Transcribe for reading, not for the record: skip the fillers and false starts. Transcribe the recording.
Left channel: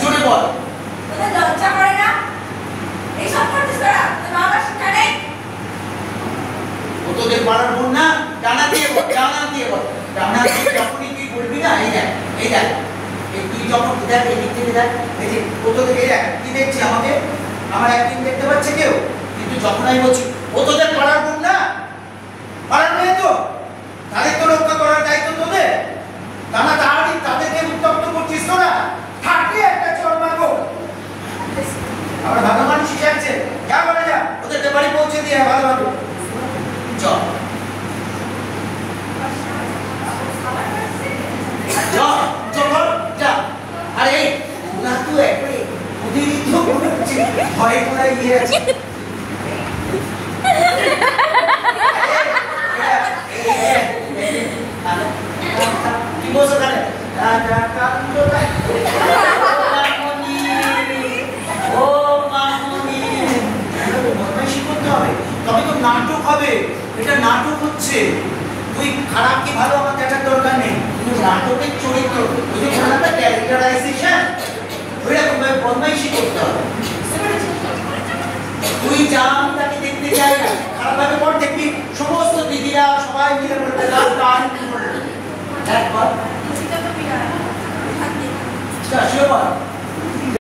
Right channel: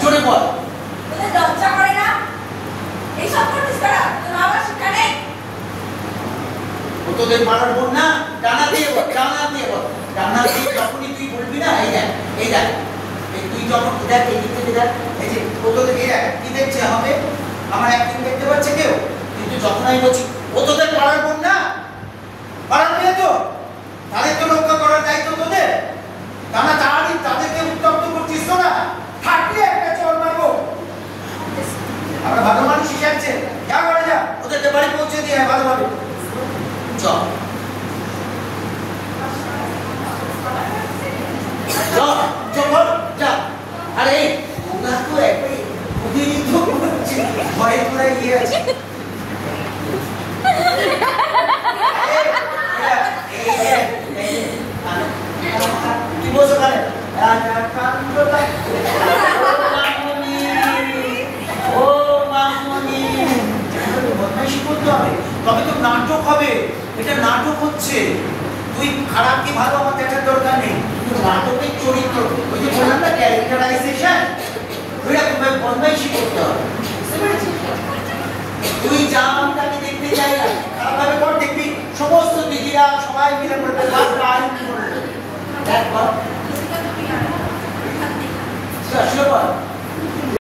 জোরে বল। তোদের লজ্জা করে না? এইসব করছিস তোরা? তোর বাবার শিক্ষা নেই? ও তোদের পাড়ার বোন না? ডানা দিয়ে বল, ডানা দিয়ে বল। ডানা দিয়ে যখনই তুই বলবি না, এই দেখ, এই দেখ, তুই যখন দেখ, এই দিক থেকে দেখ, এই যে ও তোদের এই দেখ, কি দেখছে আমাকে? আমার একদিন দেখতে পাচ্ছে কেউ? কিন্তু যখন আমি বলছি ও তোদের পাড়ার বোন না, পাড়ার মেয়ে তো, তাদের তো রক্ষা করার দায়িত্ব তোদের। তা না তাদেরকে উত্তপ্ত করছিস তোরা। থাকলে একটা চল মারবো। আমরা ভালো মানুষ শিখাচ্ছে, যা করে যা, ওদের বাড়ি পৌঁছে দিয়ে ভালো ভালো চল যা। আরে ওরা তো একবারে অতিরিক্ত ভয়ে করে গিয়ে আছে। কি বলছো তাহলে? ও মামনি, বদমাইশি করতে হবে, তবে তো নাটক হবে। এটা নাটক হচ্ছে। তুই খারাপ কি ভালো আমার দেখার দরকার নেই, কিন্তু নাটকের চরিত্র, ওই যে বললাম না ক্যারেক্টারাইজেশন, ওইরকম ভাবে বদমাইশি করতে হবে। তুই যা আমি তাকে দেখতে যাই না, খারাপ ভাবে পর দেখবি সমস্ত দিদিরা সবাই মিলে বলতে দেখ বল।